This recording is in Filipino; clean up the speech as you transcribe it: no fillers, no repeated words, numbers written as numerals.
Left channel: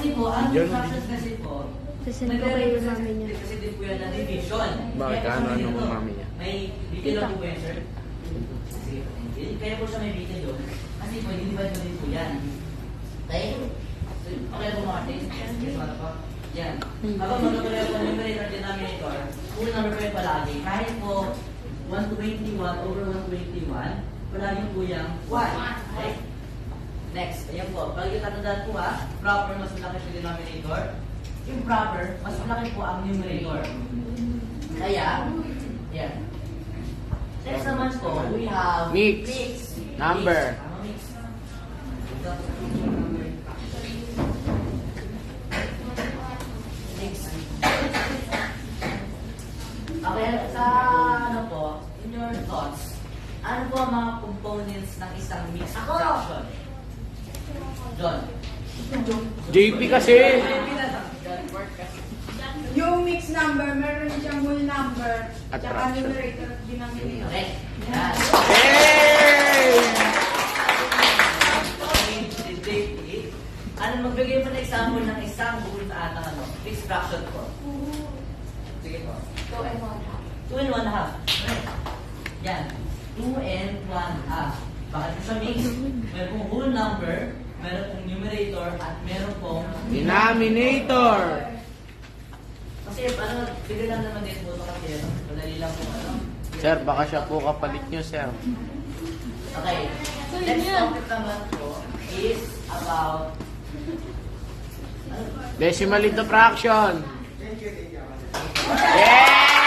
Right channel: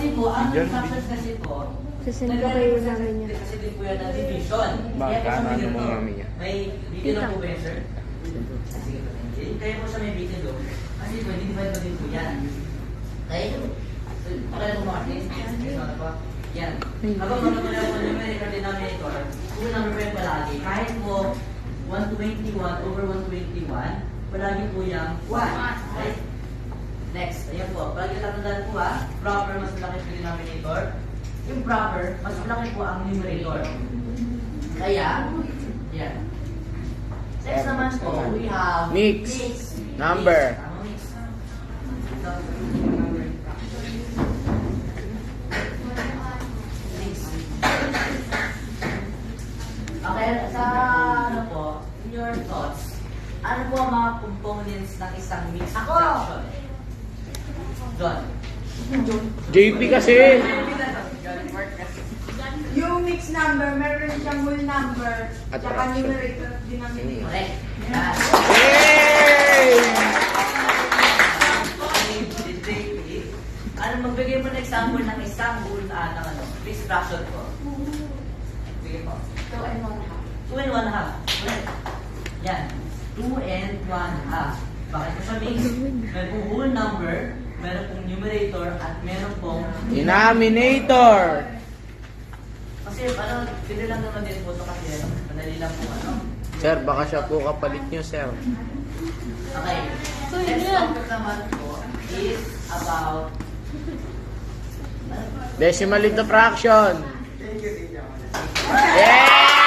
Kasi po, ang fractions kasi po, nagre-represent kasi din po yan na division. Bakit? Kaya po Ano siya mo dito, mami niya? may video na po ba yan, sir? Kaya po siya may video. Kasi po, hindi ba din po yan? Kaya po, pakilala po mga artist. Yan. Kapag magkakala po yung numerator at denominator, yung number po yung palagi. Kahit po 121 over 121, palagi po yung 1. Okay? Next, ayan po. Pag tatandaan po proper mas malaki po yung denominator. Yung proper, mas malaki po ang numerator. Kaya, yan. Next naman po, we have Mix. Number. Mix. Okay, sa ano po, in your thoughts, ano po ang mga components ng isang mixed fraction? John. JP kasi. Yung mixed number, meron siyang whole number, At tsaka fraction. numerator, denominator. Correct. Yan. Yay! Ano, magbigay mo ng example ng isang whole ng ano, mixed fraction po. Sige po. 2 and 1 half. Correct. Yan. 2 and 1 half. Bakit po siya mixed? Meron pong whole number, meron pong numerator, at meron pong Denominator. Kasi ano, bigla lang naman din po ito kasi madali lang po ano. Sir, baka siya po kapalit niyo, sir. Okay. Next topic naman po is about Decimal into fraction. Yeah!